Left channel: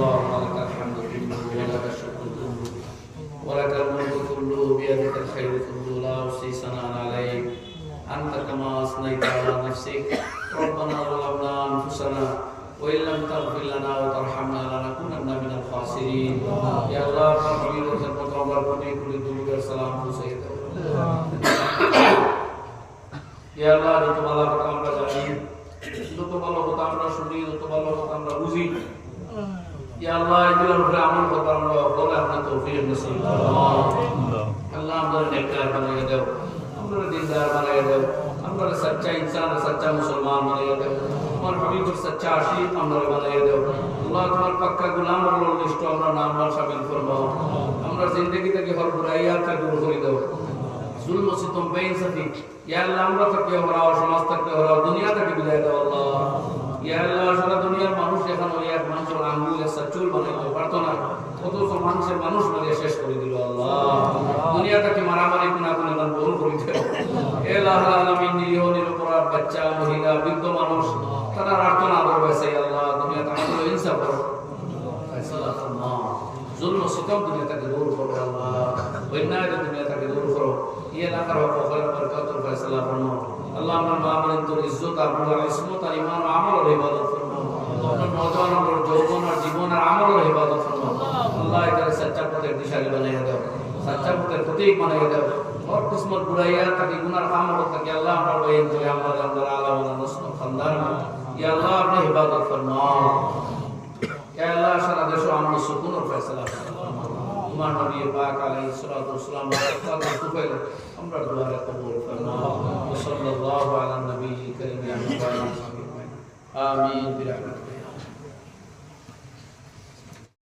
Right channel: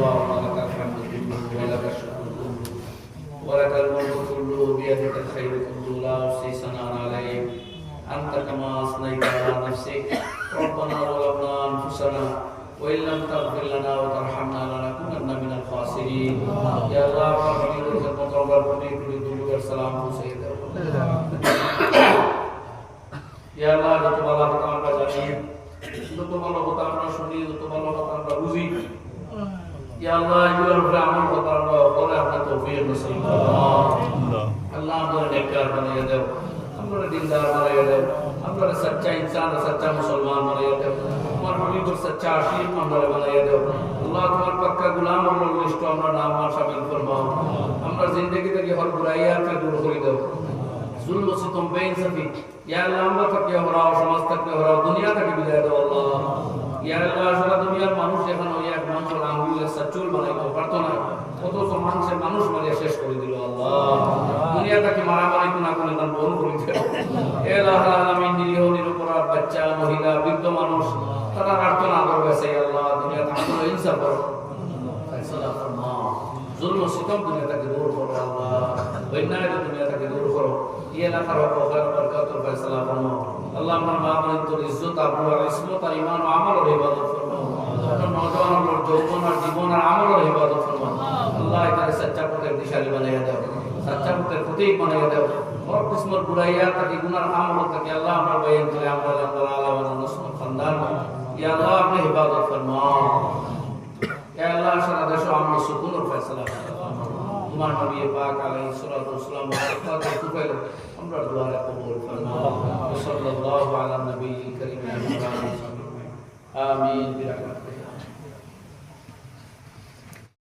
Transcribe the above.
اللهم لك الحمد كله ولك الشكر كله ولك الملك كله بيدك الخير كله لا أحصي ثناء عليك أنت كما أثنيت على نفسك ربنا ظلمنا أنفسنا وإن لم تغفر لنا وترحمنا لنكونن من الخاسرين يا الله كبير المتوبر كل كل ذنوب السلام سيدنا ইয়া আল্লাহ যত ভালো কথা আমরা জানি যত ভালো কথা আমরা শুনি যত ভালো কথা আমরা বুঝি যে আল্লাহ এগুলোর আমল করবার আমরা সকলে আপনার তৌফিক নসিব আল্লাহ আমাদের নেককার বানিয়ে দাও আমরা দিনদার বানিয়ে দাও আমরা সচ্চা ইনসান সচ্চা মুসলমান বানিয়ে দাও আমার হাবিবুর সচ্চা আশিক আমরা বানিয়ে দাও আল্লাহ তোমার পাক্কা গুলাম আমরা লিস্ট আমরা নাম আমার শামিল ফরমাও আমরা জিন্দগি থেকে হর বুরাইয়ার কা দূর করে দাও জুলম সিতম বেইনসাফি ইয়া আল্লাহ আমরা থেকে হরাও সমাজ থেকে হরাও দুনিয়া থেকে বিদায় দাও আল্লাহ আল্লাহ। আমার মা বলেন তোর ইজ্জত আবরু ইসমত আর ইমান আমার আল্লাহ এটাকে সচ্চা পথের দিশারি বানাইয়া দাও সচ্চা পথের প্রতীক বানাইয়া দাও और किस्मत बुराइया ताकि गुनाह काम हो ताकि अल्लाह हमरा बयान करे हमरा अल्लाह आला वाला नस्ल खानदान या अल्लाह अपनी इबादत फरमाओ या अल्लाह सारा देश अमन सुकून और फैसला তোমার নবী পাক আলাইহিস সালাতু ওয়াসসালাম বরকত তুফাইল আমরা দোয়া কবুল ফরমাও সাল্লাল্লাহু আলা নবী করিম আমিন বিরহমাতিহি